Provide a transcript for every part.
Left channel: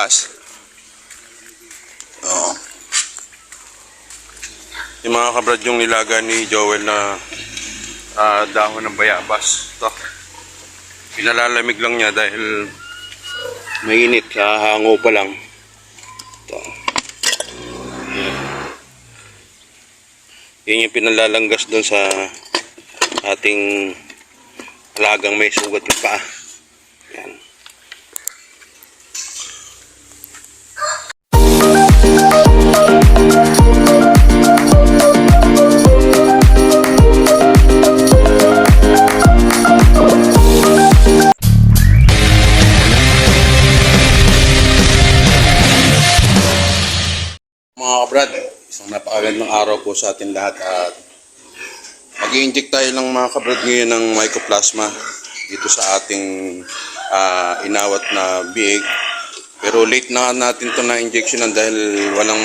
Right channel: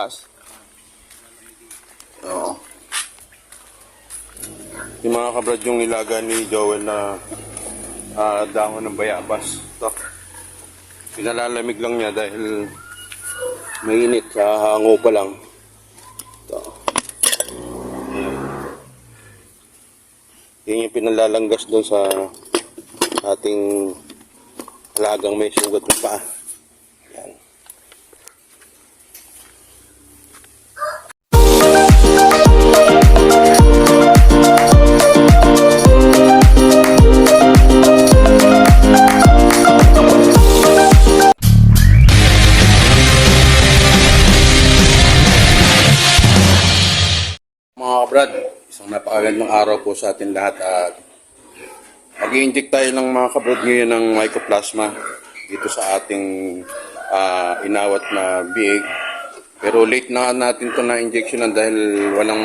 bayabas. Oo. Yung mga kabrad yung nilaga ni Joel na dahon ng bayabas. Ito. Pinalalamig lang niya dahil mainit. Hango pa lang. Ito. Yan yung pinalalanggas doon sa ating alagang may sugat ng paa. Yan. Mga kabrad, isang napakagandang araw po sa atin lahat at mag-i-inject tayo ng mga kabrad ngayon ng mycoplasma dito sa ating inawat na biig. Pero late na natin to na injectionan dahil walang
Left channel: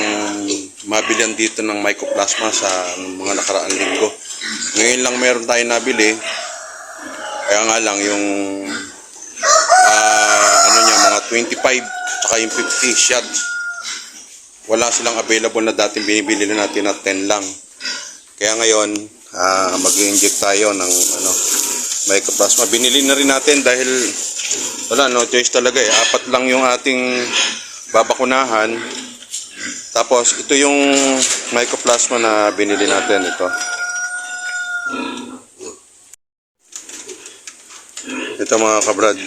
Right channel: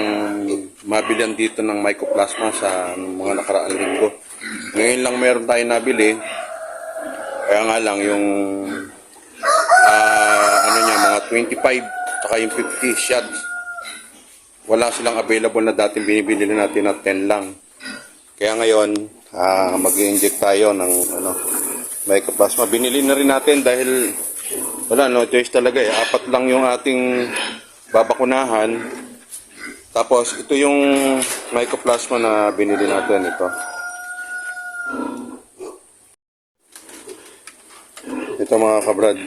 mabilihan dito ng mycoplasma sa mga nakaraang linggo. Ngayon lang meron tayo nabili. Kaya nga lang yung mga 25 saka yung 50 shots. Wala silang available na dating binibili natin na 10 lang. Kaya ngayon, mag-i-inject tayo ng mycoplasma. Binili na rin natin dahil wala, no choice talaga eh. 4 lang yung ating babakunahan. Tapos ito yung mycoplasma na binili natin, ito. Ito mga kabrad.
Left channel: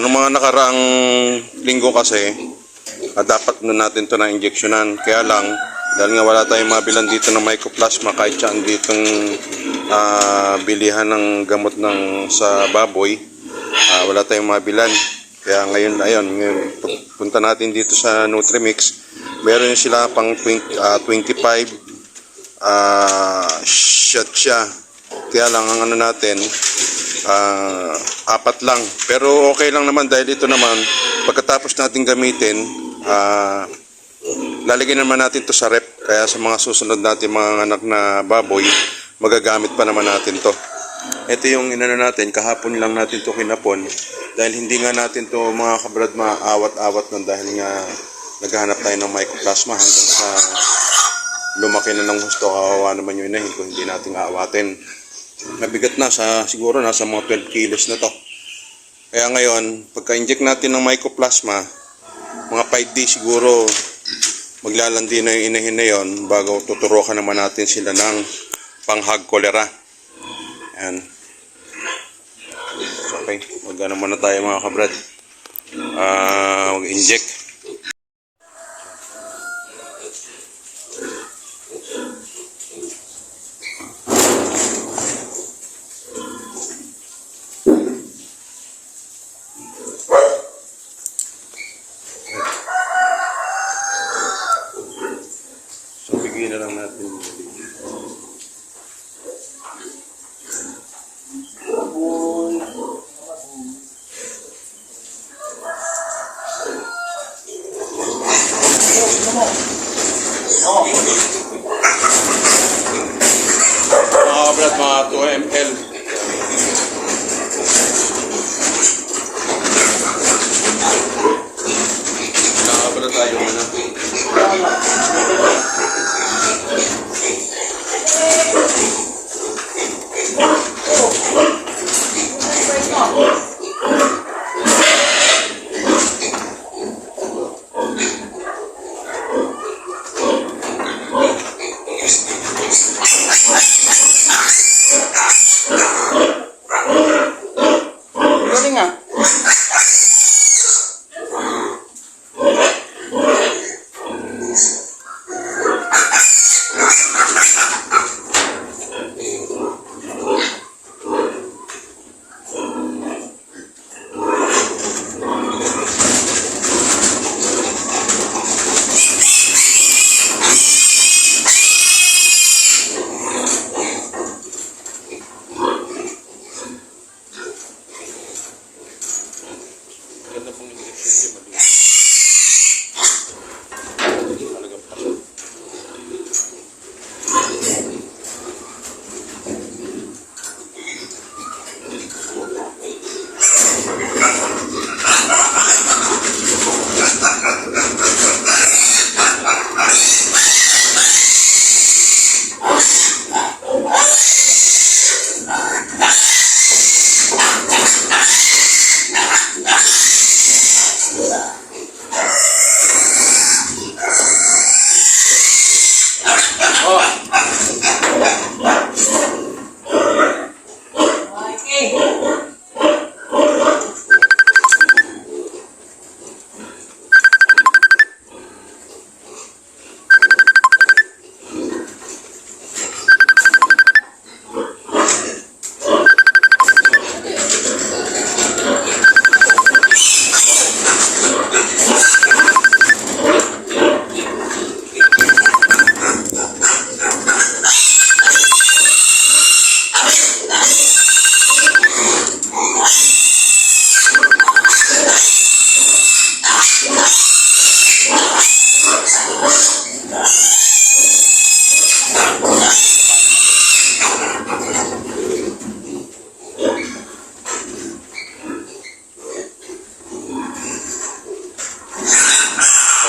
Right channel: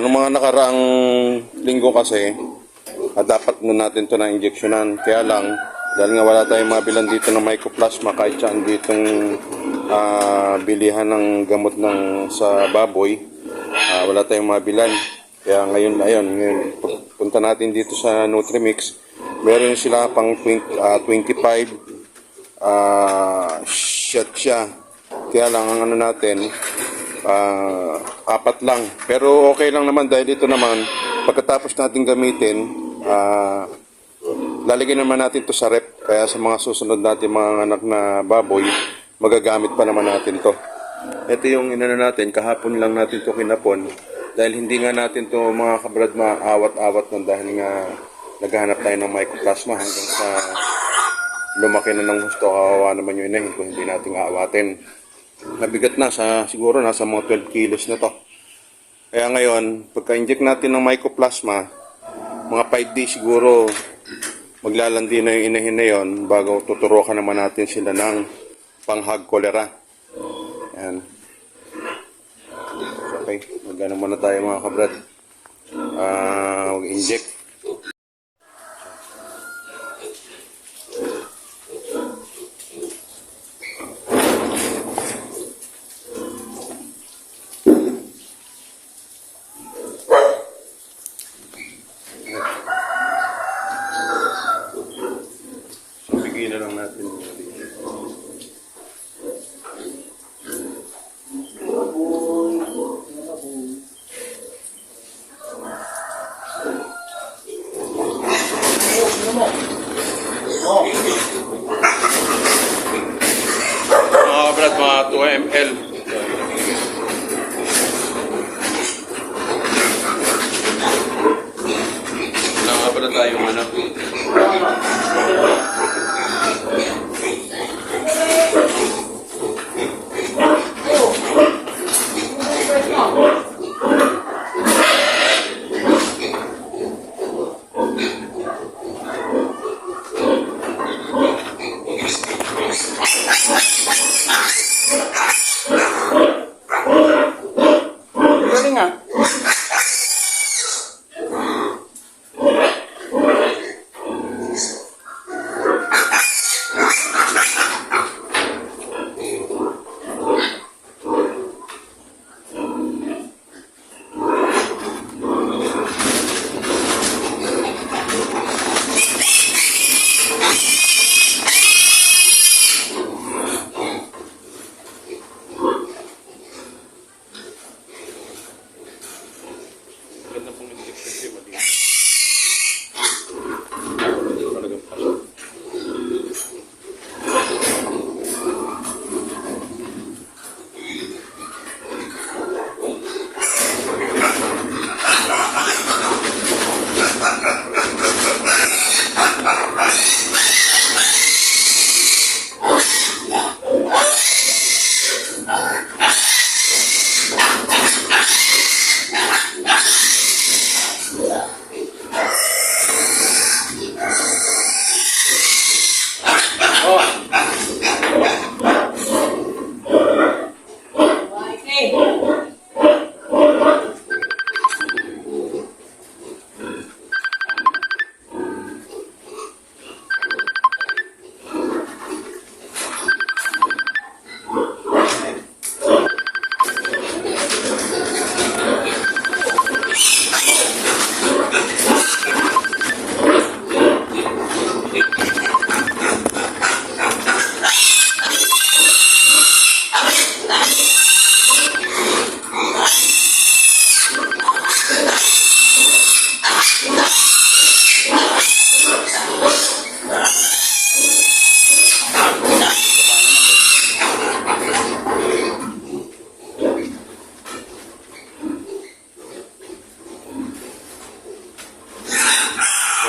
Nung mga nakaraang linggo kasi, dapat na natin to na injectionan. Kaya lang, dahil nga wala tayong mabilan dito ng mycoplasma, kahit saan ditong bilihan ng gamot sa baboy, wala tayong mabilan. Kaya ngayon, punta natin dito sa Nutrimix. Meron sila pang 25 shot siya. Kaya lang, ang natin, 4 lang. Pero okay lang naman dahil ito naman, pagkatapos natin gamitin, lalagyan naman natin to sa rep, kaya sa mga susunod natin mga anak na baboy, magagamit pa naman natin to. Ito yung inano natin, kahapon lang natin to kinapon dahil hindi nga natin to mga kabrad maawat-awat nun dahil nga naghahanap tayo ng mycoplasma hanggang sa lumaki na ng gusto. Kawawa naman yung inahin kung hindi natin aawatin. Mabigat na, siguro nasa mga 12 kilos na to. Kaya ngayon, pagka-inject natin ng mycoplasma, mga 5 days siguro maglalandi na yung inahin na yun bago tuturukan naman natin sila ng panghag cholera. Ayan. So, okay, mag-ano muna tayo mga kabrad. Mag-inject. Na lang natin brad, mga 2 ml. Nakakabala tayo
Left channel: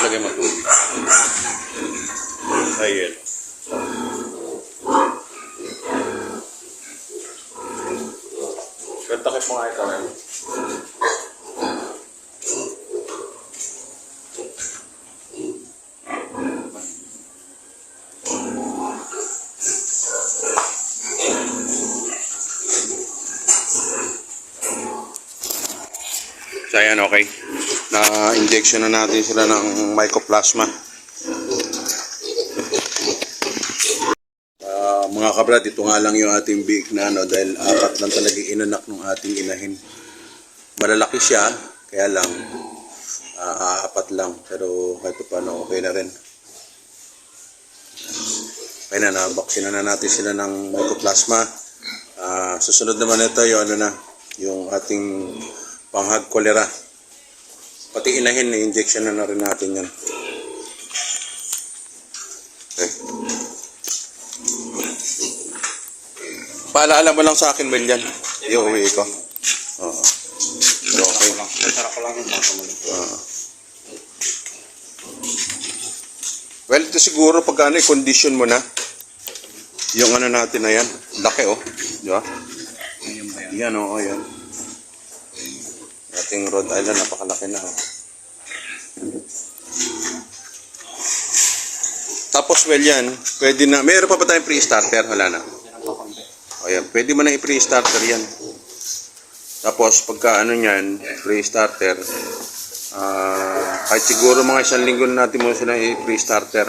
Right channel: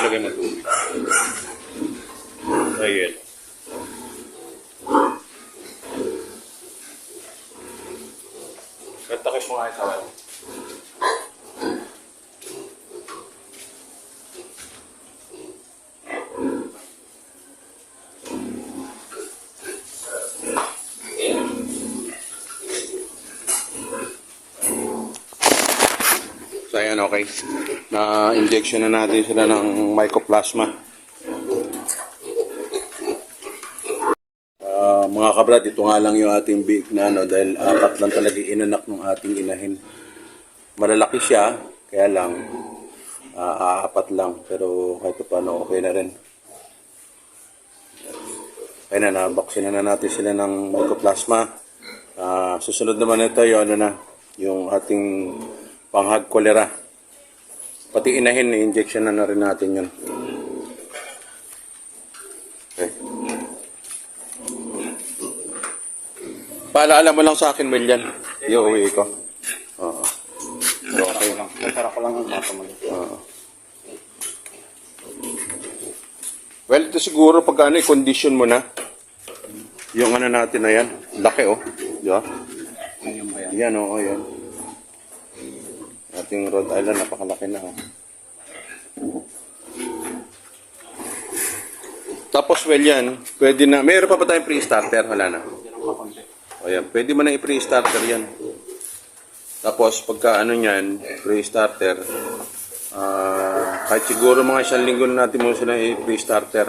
Palagay mo ito. Ayan. Takip mo nga ito. So ayan, okay. Na-injection na natin sila ng mycoplasma. Mga kabrad, ito nga lang yung ating biik na ano, dahil apat lang talaga inanak ng ating inahin. Malalaki siya, kaya lang apat lang, pero kahit pa paano okay na rin. Kaya na, nabaksina na natin sila ng mycoplasma. Susunod naman ito yung ano na, yung ating panghag cholera. Pati inahin, injection na rin natin yan. Okay. Paalaala mo lang sa akin, William. Iuwi ko. Oo. Okay. Natara ko lang yung mga kamali. Well, ito siguro pag ano, condition mo na. Yung ano natin na yan. Laki, oh. Di ba? Ayun ba yan? Yan, oo, yan. Ating Rhode Island, napakalaki na, oh. Tapos, well, yan. Pwede na. Mayroon pa ba tayong pre-starter? Wala na. Yan ang pakonti. O yan, pwede mo na i-pre-starter yan. Tapos pagka ano yan, pre-starter, kahit siguro mga 1 linggo na natin mo sila i-pre-starter.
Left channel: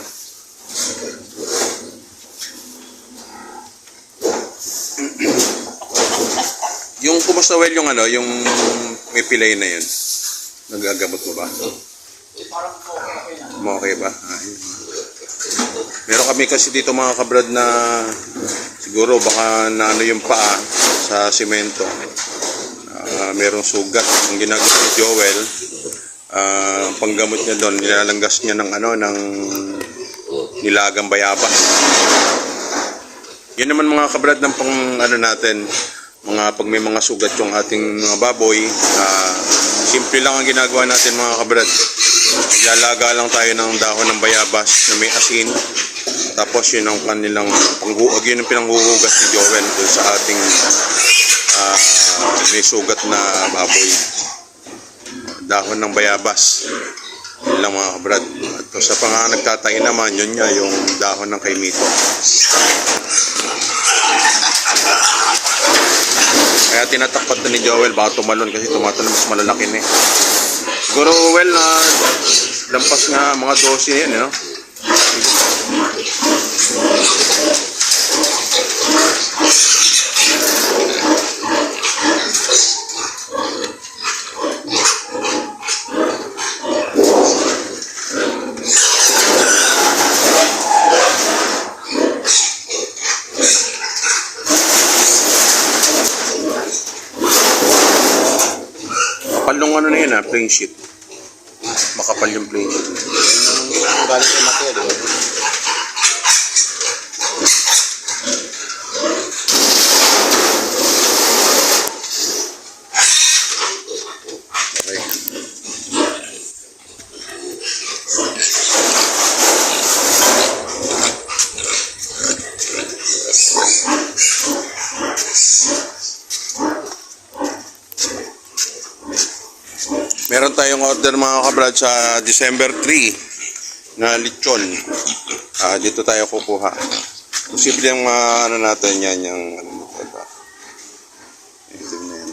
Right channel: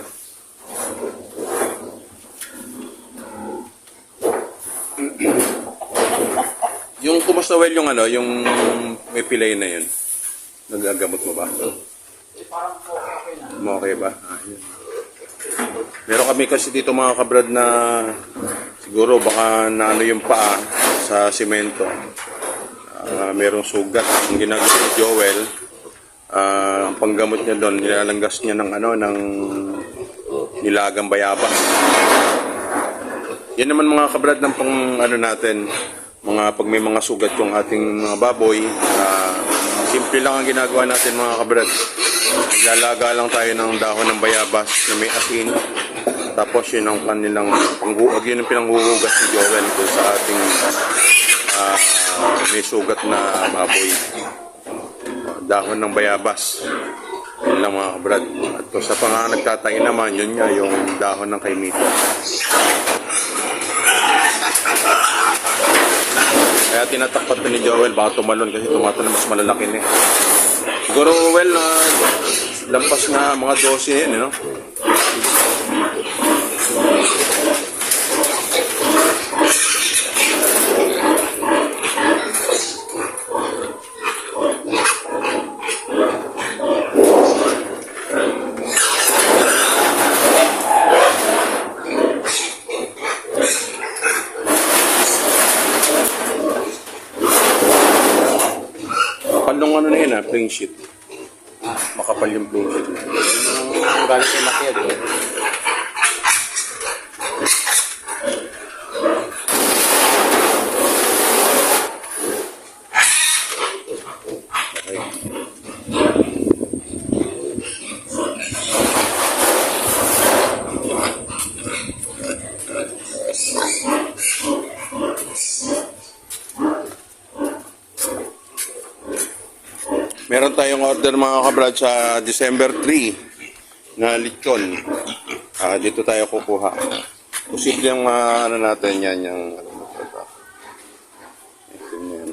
Yung kumusta well yung ano, yung may pilay na yun. Nagagamot mo ba? Parang okay na. Okay ba? Yun. Meron kami kasi dito mga kabrad na siguro baka na ano yung paa sa simento. Merong sugat. Ang ginagawa ni Joel, ang panggamot niya doon, nilalanggas niya ng ano, ng nilagang bayabas. Yan naman mga kabrad ng pang ano natin, mga pag may mga sugat yung ating mga baboy, simple lang ang ginagawa natin mga kabrad. Naglalaga lang tayo ng dahon ng bayabas na may asin. Tapos yun ang kanilang panghuwag, yun ang pinanghuhugas ni Joel doon sa ating may sugat na baboy. Dahon ng bayabas. Yun lang mga kabrad. At sa pang nagtatay naman, yun nga yung dahon ng kaimito. Kaya tinatakpat na ni Joel, baka tumalon kasi tumatalon mas malalaki na eh. Siguro well, lampas nga mga 12 na yan, no? Kapalong ano na yun plain sheet. Makapal yung plain sheet. Ang galit yung laki, di ba? Okay. Meron tayong order mga kabrad sa December 3 na lechon. Dito tayo kukuha. Posible yung ano natin yan, yung ano natin ba? Ito na yan.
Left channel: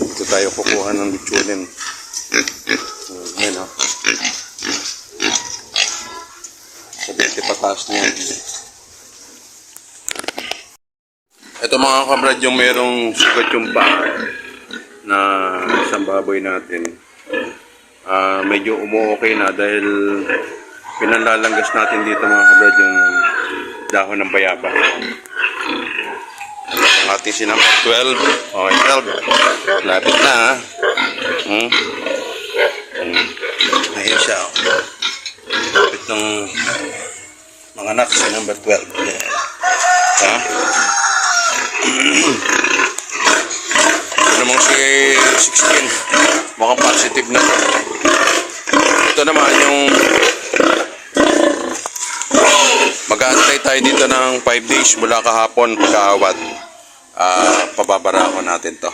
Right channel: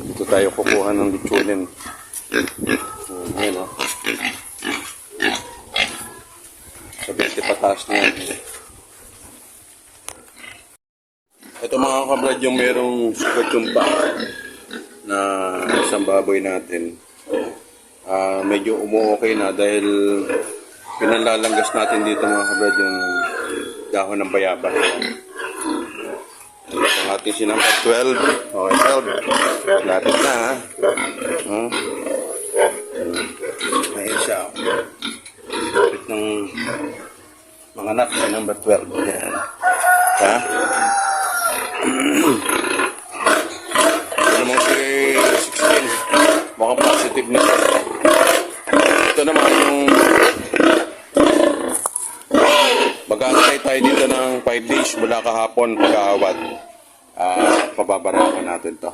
Dito tayo kukuha ng lechonin. Ayan o. Sa 20 pataas na yan. Ito mga kabrad yung merong sugat yung paa. na isang baboy natin. Medyo umu-okay na dahil pinanlalanggas natin dito mga kabrad yung dahon ng bayabas. Ang ating si number 12. Okay, 12. Lapit na ha. Ayan siya. Lapit ng mga anak si number 12. Ayan. Ha? Ito namang si 16. Mukhang positive na to. Ito naman yung mag-aantay tayo dito ng 5 days mula kahapon pagkaawat. Pababara ko natin to.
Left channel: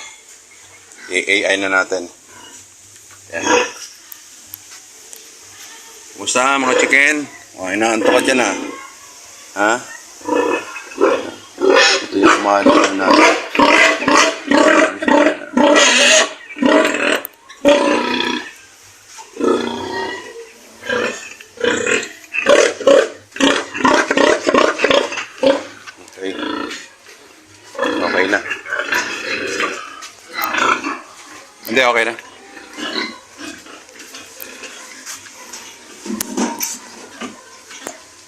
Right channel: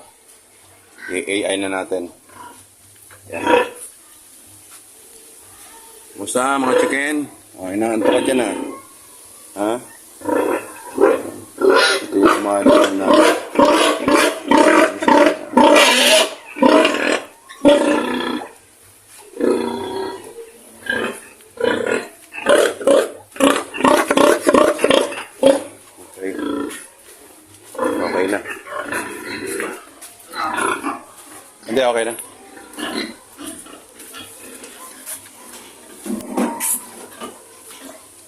I-AI na natin. Yan. Kumusta mga chicken? O, inaanto ka dyan ha? Ito yung mahal natin. Okay na. Hindi, okay na.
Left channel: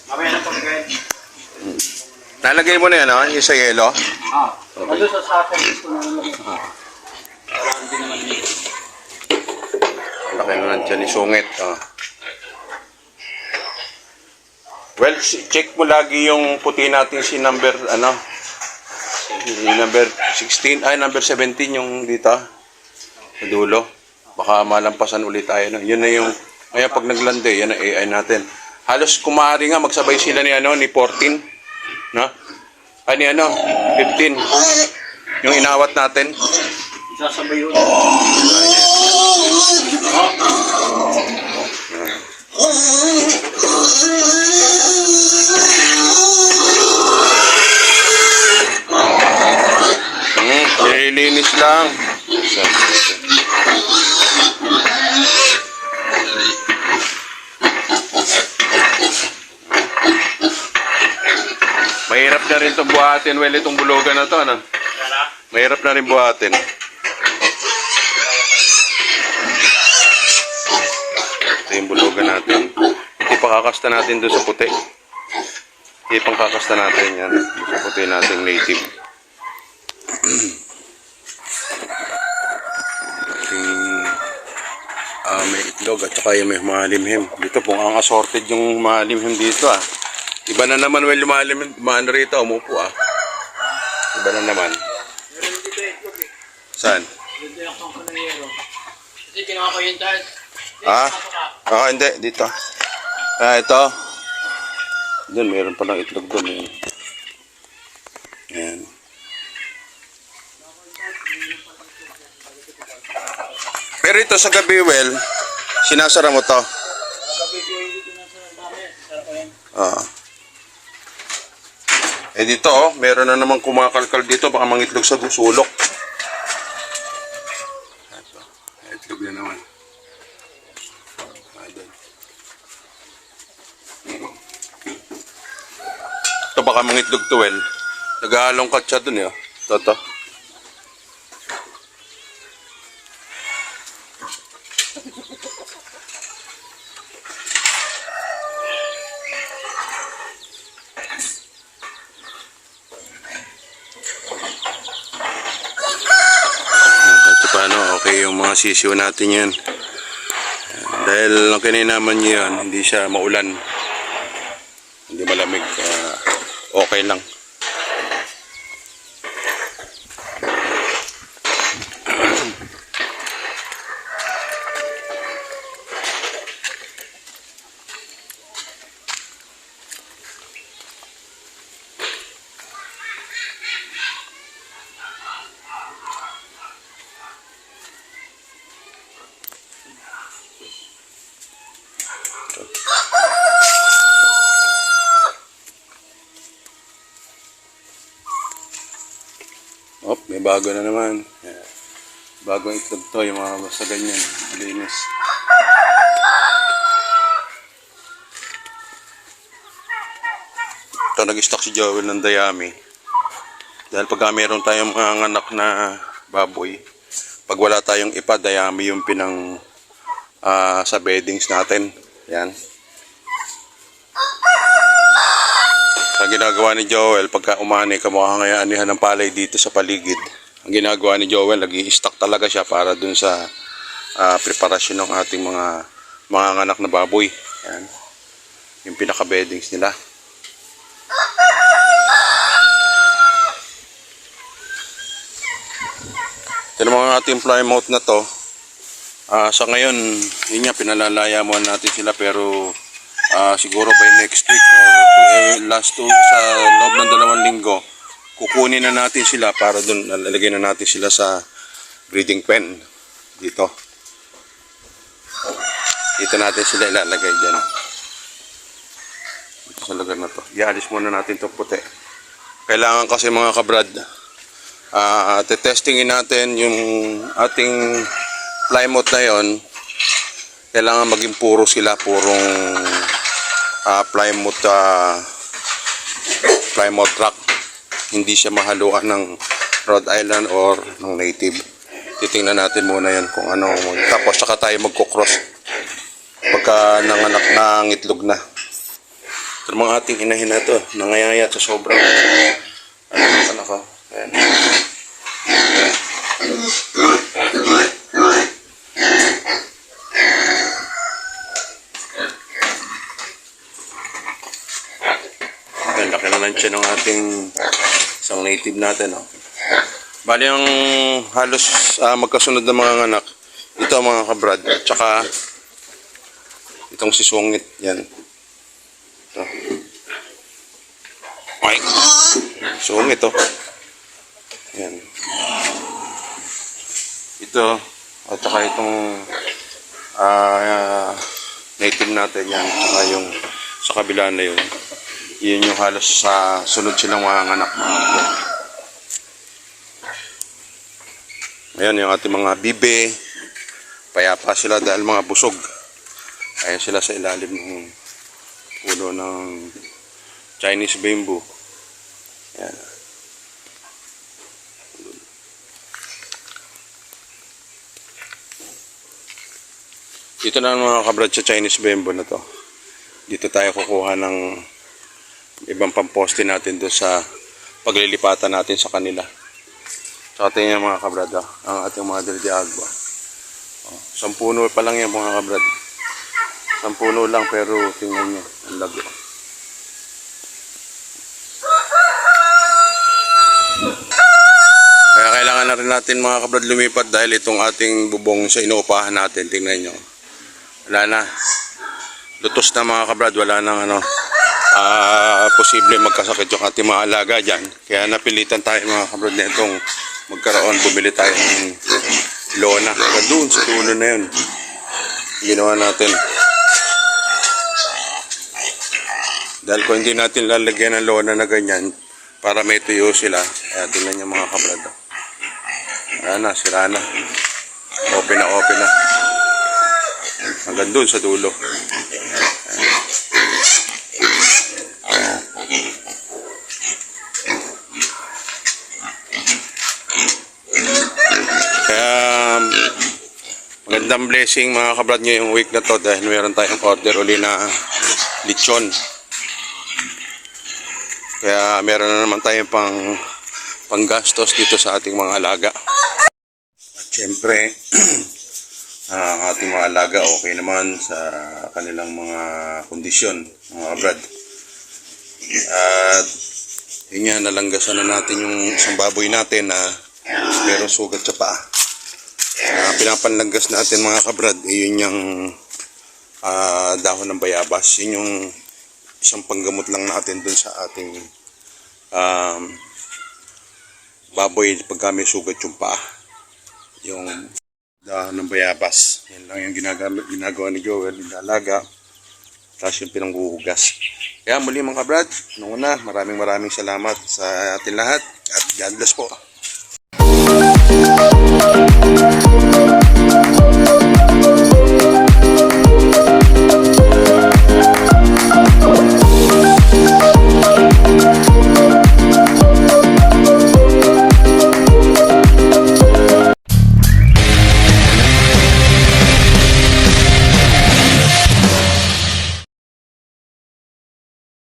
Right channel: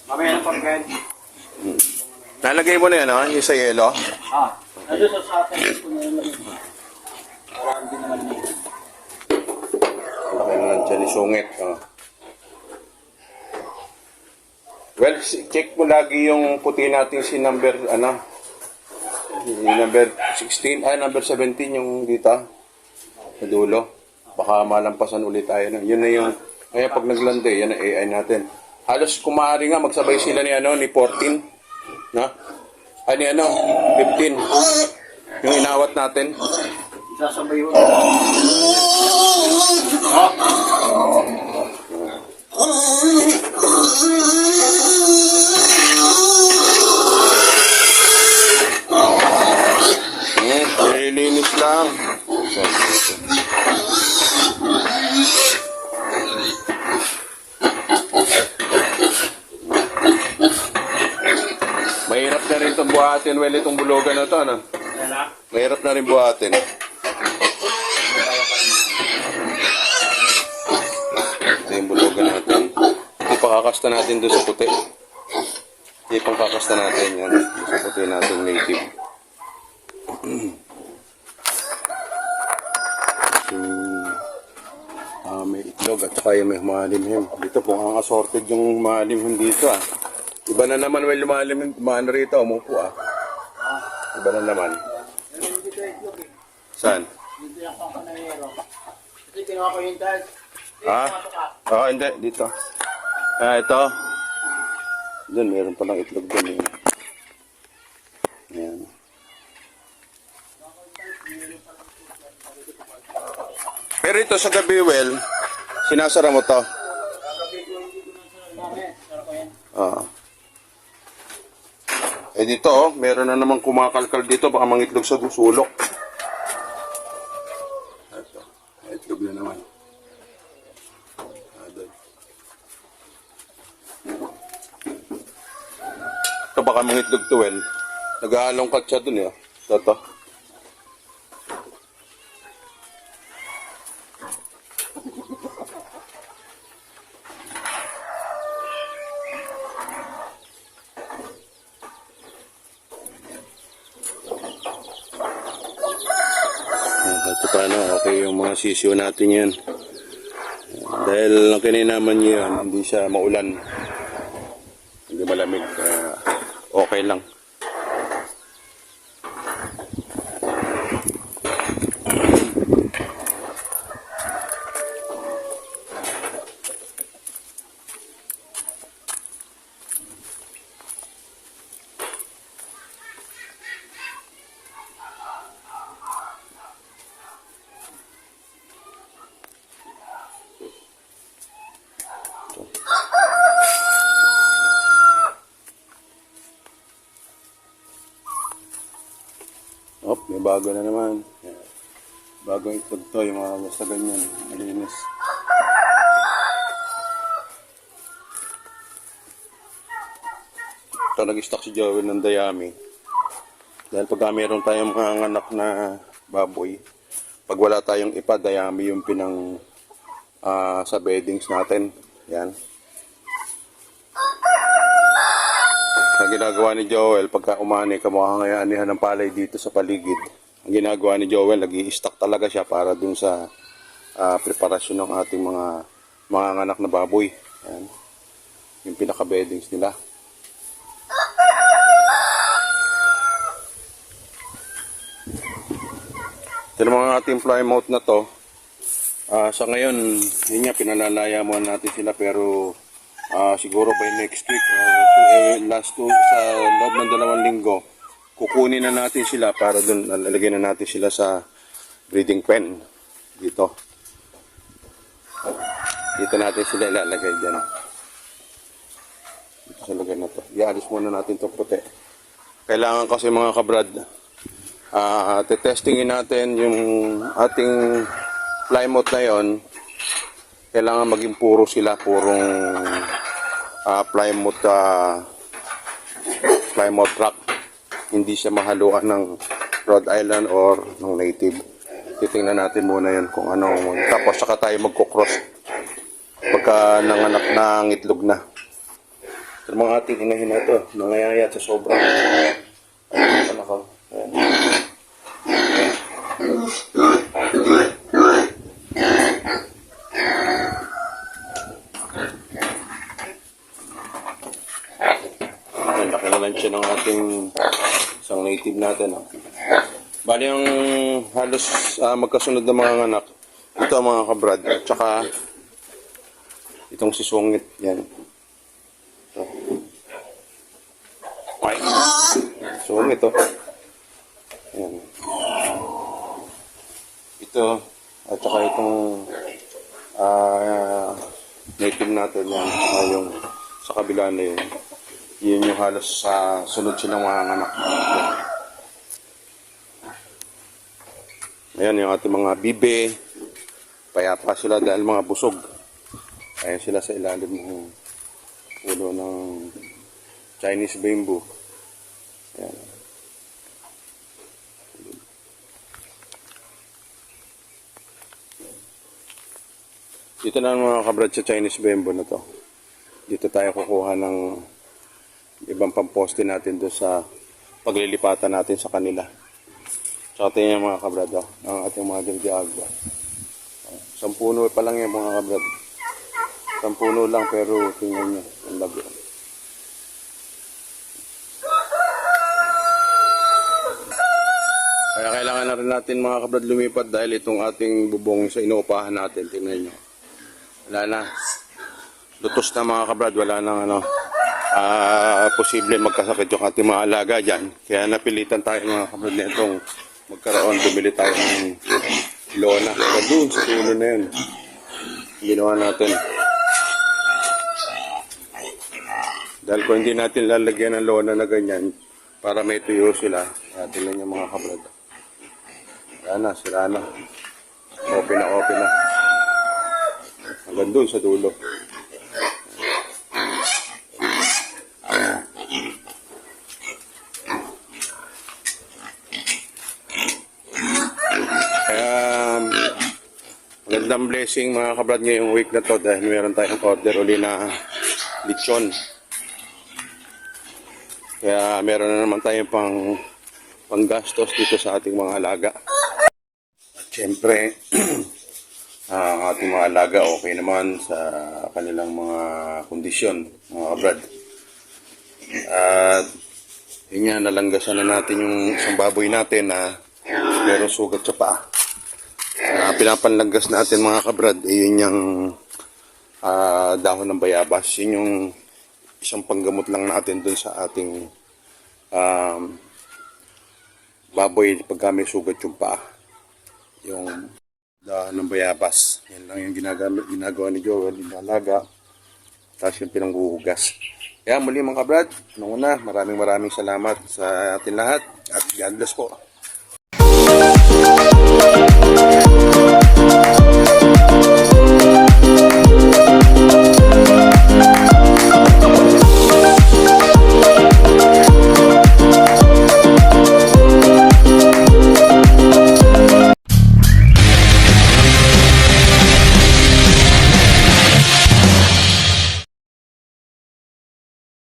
Mamaya na pagkain. Nalagay mo na yan, yung sa yelo? Ano sa akin ko na lang. Para hindi naman dito. Laki na lang dyan, isungit. Well, check mo lagi yung puti natin si number, number 16, number 17 yung dito. Sa dulo. Baka malampasan ulit tayo. No? Yun na yung, kaya pag naglande, yan ang AI natin. Halos kumari nga, magsabay sila ni 14. No? Ay, ni 15. Yung inawat natin. Sasabay yun. Nililinis lang. Mahirap na rin itong buhatin. Well, itong bulugan na ito. Mahirap na rin buhatin. Ito yung bulugan natin. Ipakakasta natin doon sa puti. Ipangkakasta natin yan. Sa puti natin native. May itlog at saka yung may malimhim. Dito po ang assorted yung malimhim dito Iba na naman well yung maano rito, umupo Iba na naman. Saan? Dito yung kakanayero. Kasi ginawa ko yun dahil. Hindi. Dito. Ito. Doon, meron palang itlog doon. Ayan. Pero ito sa gabi, well, sinasara mo to. Dito, meron na naman kumakalkal dito, baka mangitlog sa sulok. Ito, itlog na naman. Ito baka mangitlog to, well. Nag-aalongkat siya dun, Toto. Okay yung mga sisiyo natin yan. Dahil ang kininaman niya yan, hindi siya maulan. Hindi malamig. Okay lang. May bago na naman. Bagong itlog to, yung mga basta ganyan. Malinis. Ito, nag-stock si Joel ng dayami. Dahil pagka meron tayong mga anak na baboy, Pag wala tayong ipa, dayami yung pinang sa beddings natin. Yan. Ang ginagawa ni Joel, pagka umani, kamukha ngayon anihan ng palay dito sa paligid. Ang ginagawa ni Joel, nag-i-stock talaga siya para dun sa preparasyon ng ating mga anak na baboy. Yan. Yung pinaka-beddings nila. Ito mga ating plymouth na to. Sa ngayon, yun nga, pinalalaya muna natin sila pero siguro by next week or sa loob ng 2 linggo, kukunin na natin sila para doon, lalagay na natin sila sa breeding pen dito. Dito natin sila ilalagay dyan. Dito sa lugar na to. Ialis muna natin itong puti. Kailangan kasi mga kabrad, testingin natin yung ating plymouth na yon. Kailangan maging puro sila, purong plymouth rock. Hindi siya mahaluan ng Rhode Island or ng native. Titingnan natin muna yan kung ano. Tapos saka tayo magkukross pagka nanganak na ng itlog na. Ito mga ating inahin na ito, nangayayat sa sobrang anak ko. Ayan. Ayan, laki na lang siya ng ating isang native natin. Oh. Bali ang halos magkasunod na mga anak, ito mga kabrad, at saka itong si Sungit, yan. Ito. Ay, Sungit to. Yan. Ito, at saka itong native natin yan, saka yung sa kabila na yun. Yun yung halos sa sunod silang mga anak. Ayan yung ating mga bibe. Payapa sila dahil mga busog. Ayan sila sa ilalim ng puno ng Chinese bamboo. Ayan. Dito na mga kabrad sa Chinese bamboo na to. Dito tayo kukuha ng ibang pamposte natin doon sa paglilipatan natin sa kanila. Sa ating mga kabrad, ang ating mga Del Agua. 10 puno pa lang yan mga kabrad. 10 puno lang pero tingnan nyo, ang lago. Kaya kailangan na rin natin mga kabrad lumipat dahil itong ating bubong sa inuupahan natin, tingnan nyo. Wala na. Lutos na mga kabrad, wala nang posible magkasakit yung ating mga alaga dyan. Kaya napilitan tayo mga kabrad na itong magkaroon, bumili tayo ng lona. Kaya doon sa dulo na yun, ginawa natin. Dahil kung hindi natin lalagyan ng lona na ganyan, para may tuyo sila, kaya tingnan nyo mga kabrad. Ayan na, sira na. Open na. Hanggang doon sa dulo. Magandang blessing mga kabrad nyo yung week na to dahil meron tayong order uli na lechon. Kaya meron na naman tayong panggastos dito sa ating mga alaga. At syempre, ang ating mga alaga okay naman sa kanilang mga kondisyon, mga kabrad. At yun nga, nalanggasan na natin yung isang baboy natin na merong sugat sa paa. Pinapanlanggas natin mga kabrad, yun yung dahon ng bayabas. Yun yung isang panggamot lang natin dun sa ating baboy pagka may sugat yung paa. Yung dahon ng bayabas. Yan lang yung ginagawa ni Joel, inalaga. Tapos yung pinanghuhugas. Kaya muli mga kabrad, maraming salamat sa ating lahat at God bless po.